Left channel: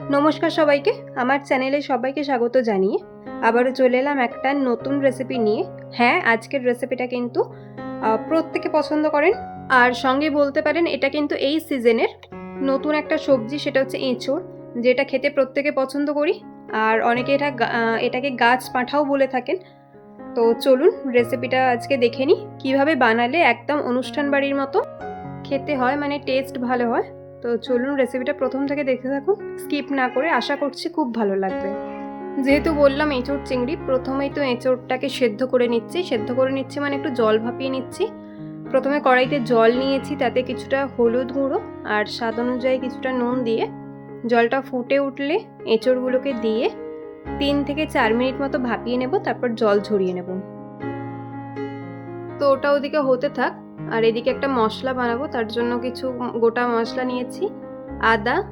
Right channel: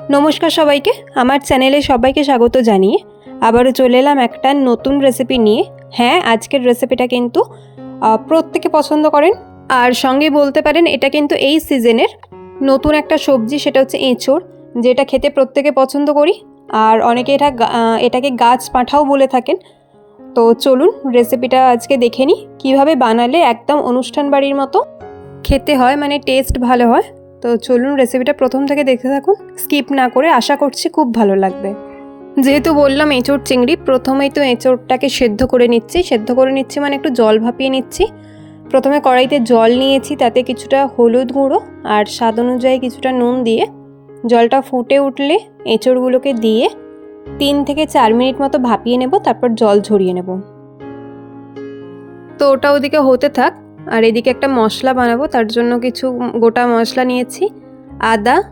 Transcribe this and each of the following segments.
নমস্কার সবাইকে, আমার চ্যানেলে সবাইকে স্বাগত জানিয়ে আবারও চলে এলাম একটা নতুন রেসিপি নিয়ে। হ্যাঁ আজকের রেসিপিটা কিন্তু প্রত্যেকে পছন্দ করেন। আর সঙ্গে বলতে পারেন, এটা কিন্তু এই সিজনের নতুন একটা সবজি, সেটা হচ্ছে এঁচোড়, যেটা খেতে প্রত্যেকে পছন্দ করি। আর অনেকে এটা এটাকে গাছ পাঁঠাও বলে থাকেন। তো চলুন রেসিপিটা আজকে দেখে নিই। কীভাবে বানালে একদম অনুষ্ঠান বাড়ির মতো খেতে হয় মানে টেস্ট ভালো হয়। তো চলুন রেসিপিটা প্রথম থেকে দেখতে থাকুন। স্কিপ না করে আশা করছি খুব ভালো লাগবে। যেহেতু বললাম এঁচোড় চিংড়ি, প্রথমেই তো এঁচোড়টাকে সেদ্ধ করে নিচ্ছি। সেদ্ধ করে নিচ্ছি মানে একটু জল ভাপিয়ে নিচ্ছি। প্রথমে কড়াইতে জল নিয়েছি, তাতে কিছুটা হলুদ গুঁড়ো আর স্বাদ অনুযায়ী কিছুটা নুন দিয়ে জলটা ফুটে উঠলে এঁচোড়গুলোকে দিয়ে তিন থেকে চার মিনিট মতো ভাপিয়ে নেব, তারপর জল ঝরিয়ে নেব। তো ওটা ওদিকে হতে থাক। আর এদিকে একটা মশলা বানাবো, তার জন্য কিছু গোটা মশলা নিয়েছি। আদা,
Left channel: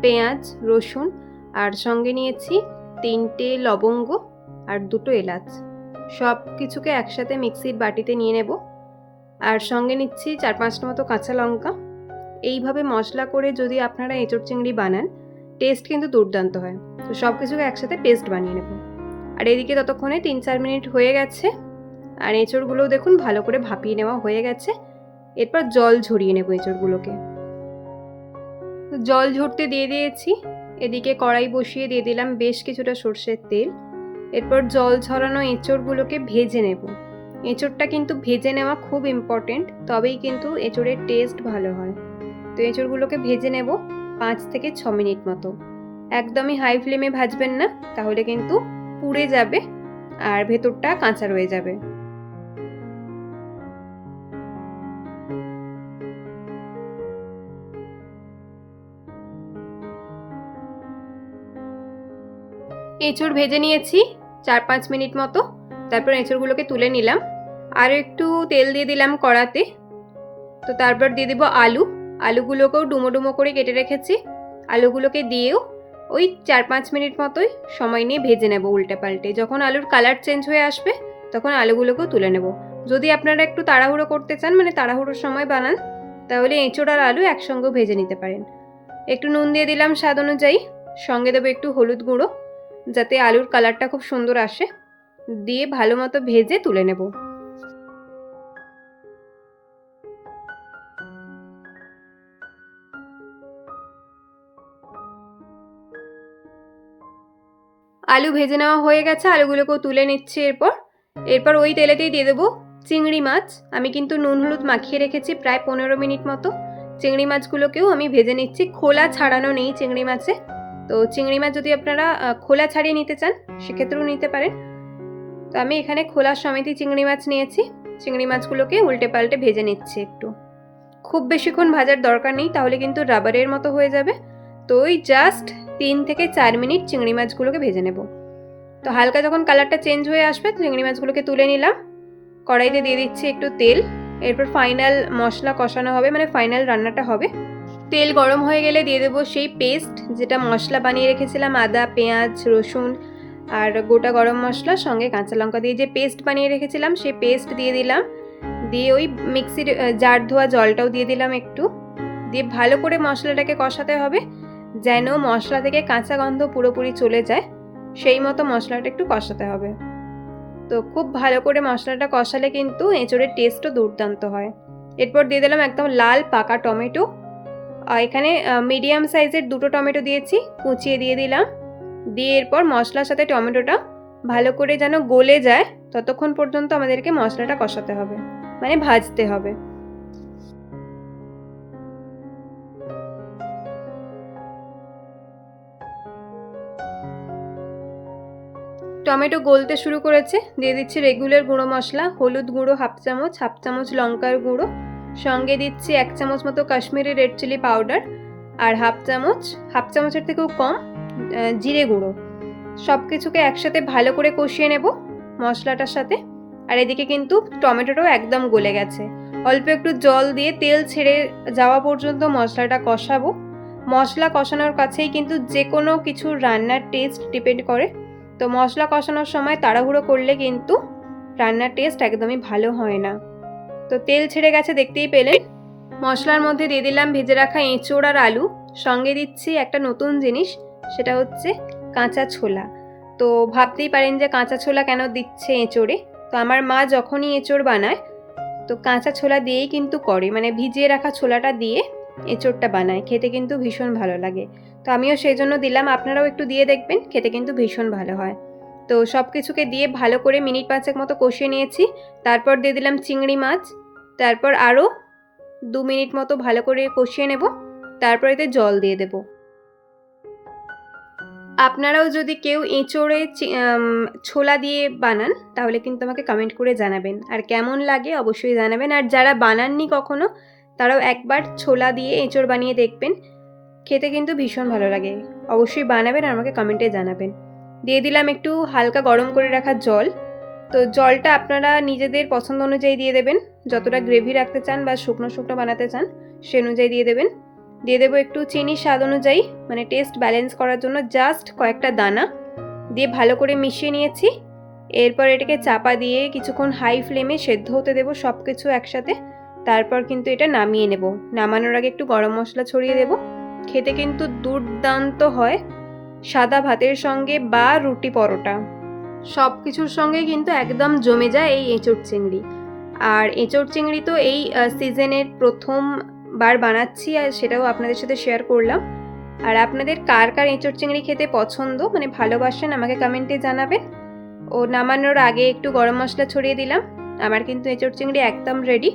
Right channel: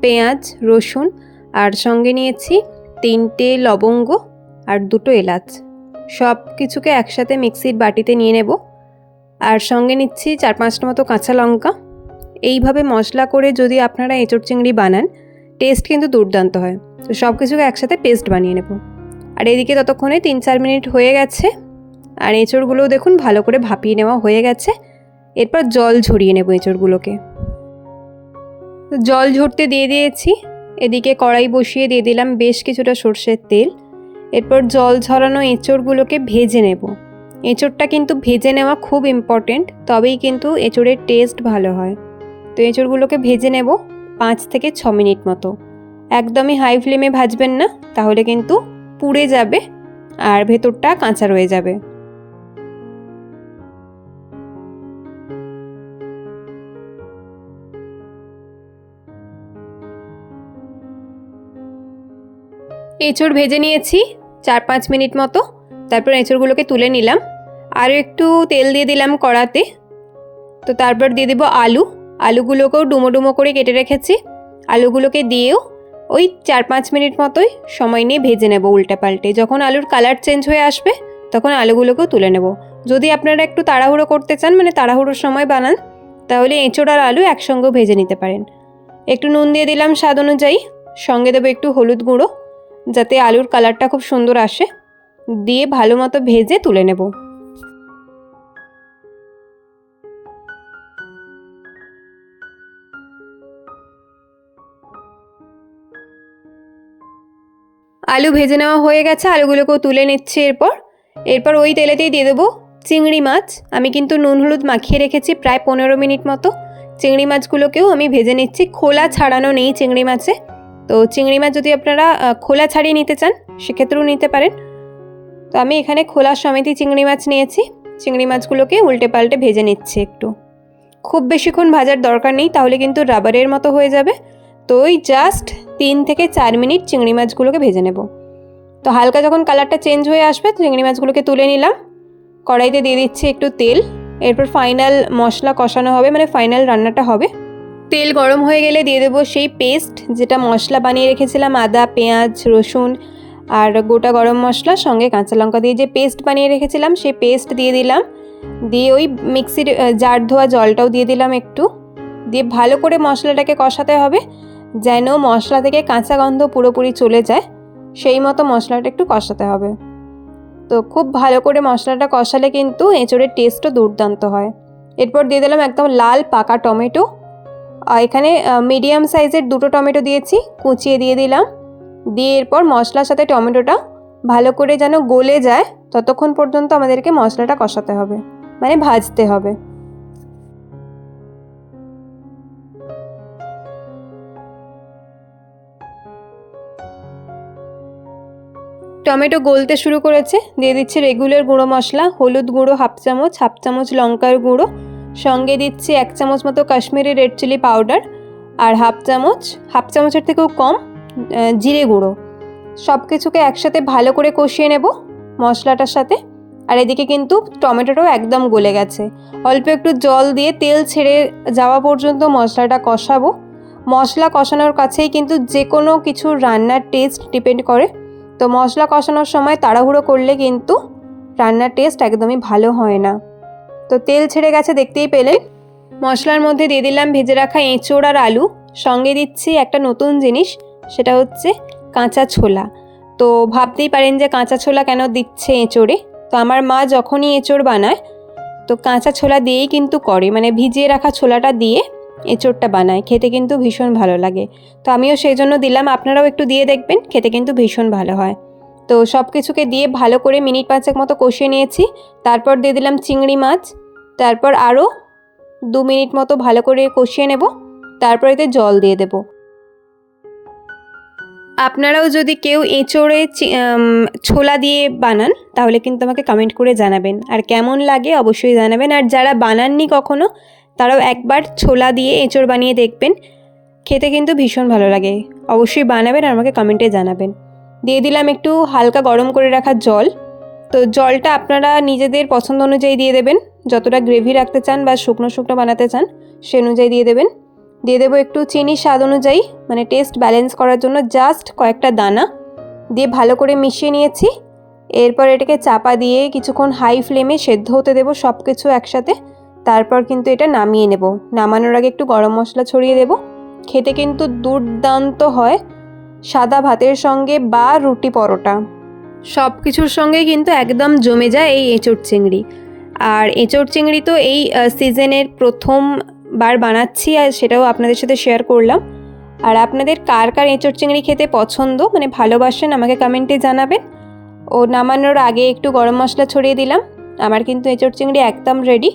পেঁয়াজ, রসুন, আর সঙ্গে নিয়েছি তিনটে লবঙ্গ আর দুটো এলাচ। সব কিছুকে একসাথে মিক্সির বাটিতে নিয়ে নেব। আর সঙ্গে নিচ্ছি চার পাঁচটা মতো কাঁচা লঙ্কা। এইভাবে মশলা করে যদি আপনারা এঁচড় চিংড়ি বানান, টেস্ট কিন্তু দুর্দান্ত হয়। তো সব কিছুকে একসাথে পেস্ট বানিয়ে নেব। আর এদিকে ততক্ষণে তিন চার মিনিট হয়ে গেছে। আর এঁচড়গুলোও দেখুন ভালো করে ভাপিয়ে নেওয়া হয়ে গেছে। এরপর জল ঝরিয়ে নেব এঁচড়গুলোকে। তো জল ঝরতে দিয়ে দিয়েছি। এদিকে কড়াই বসিয়ে দিয়ে দিলাম বেশ কিছুটা সর্ষের তেল। এরপর জল ঝরানো এঁচড়গুলোকে ভেজে নেব। এঁচড়টা কিন্তু ভেজে নেওয়া খুব ইম্পর্টেন্ট তবেই কিন্তু এঁচড়ের টেস্ট ভালো হয়। তো এঁচড়গুলোকে ভেজে নেব পাঁচ থেকে ছ মিনিট মতো। একদমই হাই ফ্লেমে ভাজবেন না, তাহলে কিন্তু পুড়ে যাবে আর ভেতরটা কাঁচা রয়ে যাবে। এঁচড় ভেজে নিয়েছি, চার পাঁচ মিনিট মতো। তারপর এঁচড়গুলোকে তুলে নিলাম। আরও একটু তেল দিয়ে দিলাম কড়াতে। তো তারপর দিয়ে দেবো আলু। আলুগুলোকেও ডুমো ডুমো করে কেটে রেখেছি। আলুগুলোকে দিয়েও ওই চার পাঁচ মিনিট মতোই সময় নিয়ে ভেজে নেব উল্টে পাল্টে যখন আলুর কালার চেঞ্জ হয়ে আসবে, তখন আলুগুলোকেও তুলে নেব। যদি আপনারা একটু তাড়াহুড়ো করতে চান মানে তাড়াহুড়োর সময় বানান, তাহলে এঁচড় আর আলু একসঙ্গেও ভেজে নিতে পারেন। একটু নুন দিয়ে দিলাম স্বাদ অনুযায়ী। সঙ্গে দেবো একটু হলুদ গুঁড়ো। যাতে আলুর কালারটা খুব সুন্দর আসে, দিয়ে ভালো মতো ভেজে তুলে নেব। আলু ভেজে নেওয়া হয়ে গেছে, আলুগুলোকেও তুলে নিচ্ছি এরপর। এরপর ওই তেলেতেই দিয়ে দেবো চিংড়ি মাছ। আমি কিন্তু নুন হলুদ মাখিয়ে রেখেছি প্রায় পনেরো মিনিট মতো। চিংড়ি মাছগুলোকেও আমি ভেজে নিচ্ছি। খোলা ছাড়ানো নেই চিংড়ি মাছে। তো চিংড়ি মাছ যদি আপনারা খোলা ছাড়িয়ে নিতে চান, সেক্ষেত্রেও নিতে পারেন। তো আমি এখানে খোলা সমেতই চিংড়ি মাছ নিয়েছি। চিংড়ি মাছগুলোকে উল্টে পাল্টে ভেজে নিচ্ছি একটু। খুব বেশিক্ষণ ভাজার দরকার নেই, তাহলে কিন্তু রাবারের মতো হয়ে যাবে। তো ওই জাস্ট তিন থেকে চার মিনিট চিংড়ি মাছগুলোকে ভেজে নেব। তো হালকা যখন কালারটা চেঞ্জ হয়ে আসবে, চিংড়ি মাছগুলোকে তুলে নিলাম। কড়াইতে দিয়ে দিচ্ছি একটু তেল। এরপর ফাইনাল মশলা কষানো হবে মানে ফাইনাল রান্নাটা হবে। তেল গরম হয়ে গেলে দিয়ে দেবো সেই পেস্ট, যেটা মশলা বানিয়ে রেখেছিলাম, আদা, পেঁয়াজ, রসুন আর গোটা গরম মশলা, সঙ্গে কাঁচা লঙ্কা দিয়ে যে পেস্ট বানিয়ে রেখেছিলাম সেই পেস্ট দিয়ে দিলাম। দিয়ে ওই মিক্সির জার ধোয়া জলটাও দিয়ে দিলাম একটু। দিয়ে ভালো করে মশলাটাকে কষাতে হবে, যেন মশলা থেকে কাঁচা গন্ধ পুরোপুরি চলে যায়। সেই মতো মশলাটা একটু কষাতে হবে। তো খুব ভালো করে মশলাটা কষালে কিন্তু এঁচড়ের টেস্টও দুর্দান্ত হয়। এরপর দিয়ে দিলাম একদম লাল পাকা টমেটো। এখানে মিডিয়াম সাইজের দুটো টমেটো দিয়েছি, কুচিয়ে দিয়ে দিলাম। দিয়ে এরপর মশলার সাথে টমেটোটা ভালো করে যেন গলে যায়, ততক্ষণ পর্যন্ত আমাদেরকে মশলাটা কষাতে হবে মানে ভাজতে হবে। টমেটো গলতে শুরু করেছে, দিয়ে দিচ্ছি রেগুলার গুঁড়ো মশলা, হলুদ গুঁড়ো হাফ চামচ হাফ চামচ লঙ্কার গুঁড়ো সঙ্গে দিচ্ছি এক চামচ মতো কাশ্মীরি রেড চিলি পাউডার আর হাফ চামচ, হাফ চামচের থেকেও কম জিরে গুঁড়ো। সব কিছুকে একসাথে ভালো করে কষিয়ে নেব মশলাটার সাথে। আর এদিকে কিন্তু টমেটোটাও একদম গলে গেছে। অল্প একটু জল দিয়ে তেল ছেড়ে যাওয়া পর্যন্ত মশলাটা কষাবো। মশলা কষানোর কাছেই কিন্তু যে কোনো কিছু রান্নার টেস্ট ডিপেন্ড করে। তো মশলা কষানোর সময় তাড়াহুড়ো করলে কিন্তু রান্নার টেস্ট একদমই ভালো হয় না। তো তেল ছেড়ে গেছে দেখতেই পেলেন। মশলার মধ্যে দিয়ে দিলাম ভেজে রাখা এঁচোড় আর আলু। সঙ্গে দিচ্ছি একটা নতুন জিনিস, সেটা হচ্ছে কাঁচা ছোলা। তো ভাবতেই পারেন যে কাঁচা ছোলা কেন দিচ্ছে এঁচোড়ে? তো আমার মা যখনই এঁচোড় বানায়, তো কাঁচা ছোলা দিয়েই কিন্তু করে। মানে ভিজিয়ে রাখা ছোলাটা দিয়ে এঁচোড়টা বানায়। খেতে কিন্তু ভীষণ ভালো লাগে। তো আমিও সেই জন্য দিলাম। আপনারাও একটু দিয়ে দেখবেন, খেতে কিন্তু ভীষণ ভালো হয়। তো সব কিছুকে দিয়ে ভালো করে মিনিট পাঁচেক মতো কষিয়ে নিয়েছি। তারপর দিয়ে দিলাম চিংড়ি মাছ। তারপর আরও দু মিনিট মতো ভালো করে কষিয়ে নেব। তারপর এতে জল দিয়ে দেব। আপনারাও যদি কেউ এঁচোড়ে ছোলা দিয়ে বানান, তাহলে কিন্তু আমাকে কমেন্ট করে জানাবেন। আর কেমন লাগে অবশ্যই জানাবেন। আর যারা বানাননি কখনো, তারাও একবার ছোলা দিয়ে এঁচোড় বানিয়ে দেখবেন। খেতে কিন্তু ভীষণ ভালো লাগে। অবশ্যই বানাবেন আর আমাকে কমেন্টে জানাবেন। দিয়ে দিলাম একটু হালকা গরম করে রাখা জল। তো জলটা আপনারা নিজেদের পছন্দ অনুযায়ী দিয়ে দেবেন। যতটা গ্রেভি রাখতে চান বা শুকনো শুকনো বানাতে চান, সে অনুযায়ী দিয়ে দেবেন। দিয়ে দেবো একটু চিনি স্বাদ অনুযায়ী মানে টেস্ট ব্যালেন্স করার জন্য জাস্ট কয়েকটা দানা। দিয়ে ভালো করে মিশিয়ে নিয়েছি। এরপর এটাকে চাপা দিয়ে কিছুক্ষণ হাই ফ্লেমে সেদ্ধ হতে দেবো সব কিছু একসাথে। তারপর কিন্তু এটা নামিয়ে নেব। নামানোর আগে একটু গরম মশলা ছড়িয়ে দেব। খেতে কিন্তু দুর্দান্ত হয়। সাদা ভাতের সঙ্গে বা রুটি পরোটা। সব কিছুর সঙ্গে কিন্তু একদম জমে যায় এই এঁচোড় চিংড়ি। আর এঁচোড় চিংড়ি তো এই সিজনের প্রথমবার বানাচ্ছি, আর সেটাও আপনাদের সাথে শেয়ার করলাম। আর আপনাদের কার কার এঁচোড় চিংড়ি খেতে পছন্দ মানে ভালোবাসেন, আমাকে কমেন্টে জানাবেন। ও নামানোর আগে একটু গরম মশলা ছড়িয়ে দিলাম। আমার কিন্তু এঁচোড় চিংড়ি একদম রেডি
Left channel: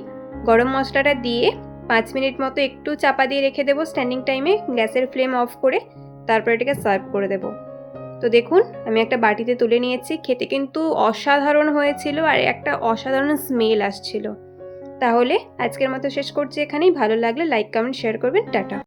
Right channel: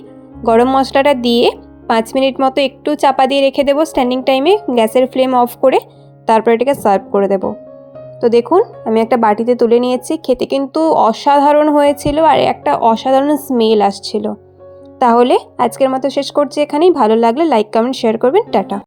গরম মশলাটা দিয়ে পাঁচ মিনিট মতো একটু চাপা দিয়ে রেখে দেবো স্ট্যান্ডিং টাইমে গ্যাসের ফ্লেম অফ করে। তারপর এটাকে সার্ভ করে দেব। তো দেখুন, আমি একটা বাটিতে তুলে নিয়েছি। খেতে কিন্তু অসাধারণ হয়েছিল আর একটা অসাধারণ স্মেল আসছিল। তাহলে আজকের মতো শেষ করছি এখানেই। ভালো লাগলে লাইক কমেন্ট শেয়ার করবেন। টাটা।